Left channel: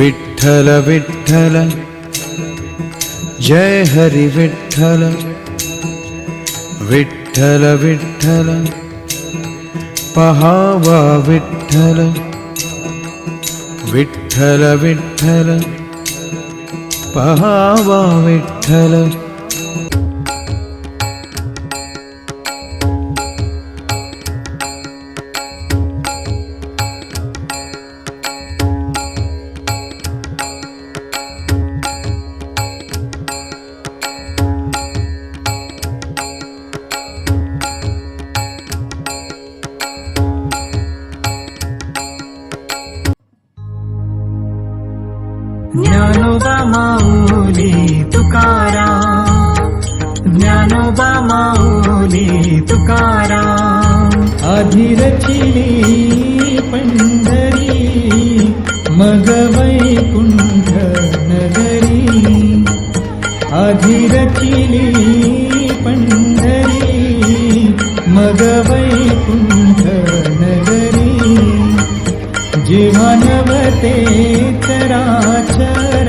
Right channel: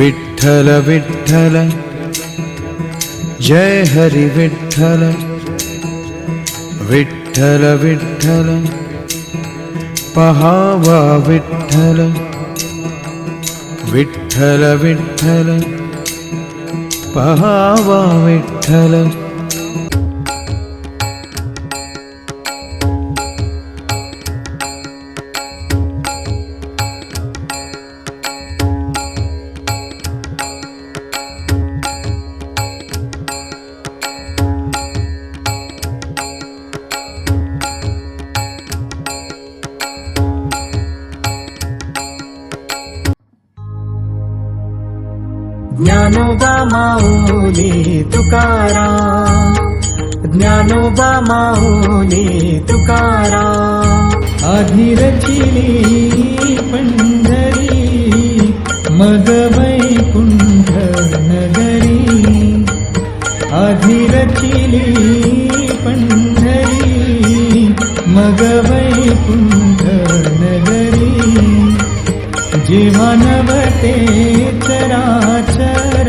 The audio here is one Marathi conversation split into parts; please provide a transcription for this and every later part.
विठ्ठल विठ्ठल। जय हरी विठ्ठल। विठ्ठल विठ्ठल। पहावा विठ्ठल। विठ्ठल विठ्ठल। पहावा विठ्ठल माऊली तुकारा ज्ञानोबा माऊली तुकारा अधिरचिली पंढरी मग वैकुंठ नगरी अधिरचिली पंढरी मग वैकुंठ नगरी जेव्हा नवते चराचर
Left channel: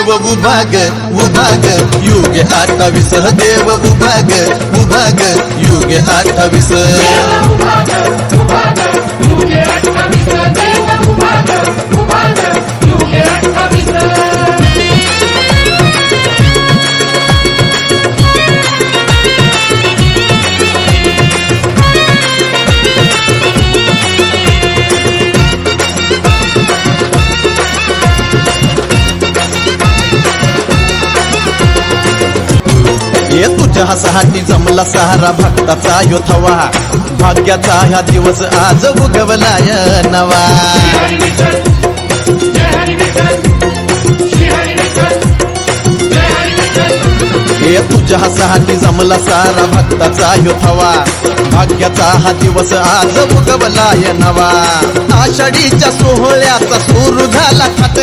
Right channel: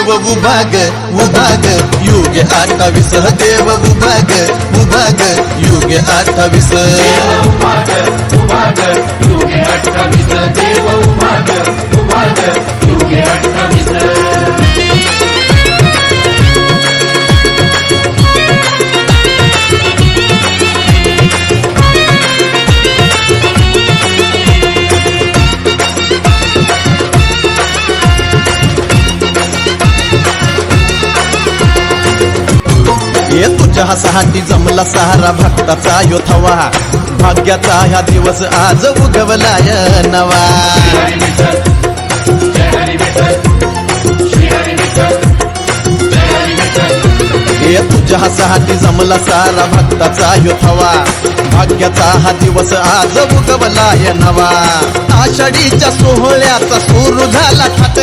देव उभाग उभाग युग अठ्ठावीस. देव उभाग उभाग युग अठ्ठावीस. हे तुझ्या हसाहाटी जमला सहारा भक्ताचा यो थवा. भाग्याचा ह्या दिवस आज उगवलाय नवा. ये तुझ्या हसाहाटी जमला सारा भक्ताचा यो थवा. भाग्याचा हा दिवस आज उगवलाय नवा. आषाढीच्या सोहळ्याचा सुरू झाला थाट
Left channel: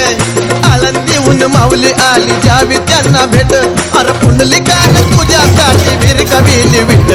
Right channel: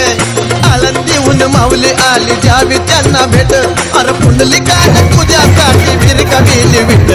आळंदीहून माऊली आली जावी त्यांना भेट. अरे पुंडलिकाने तुझ्यासाठी वीर कविली विठ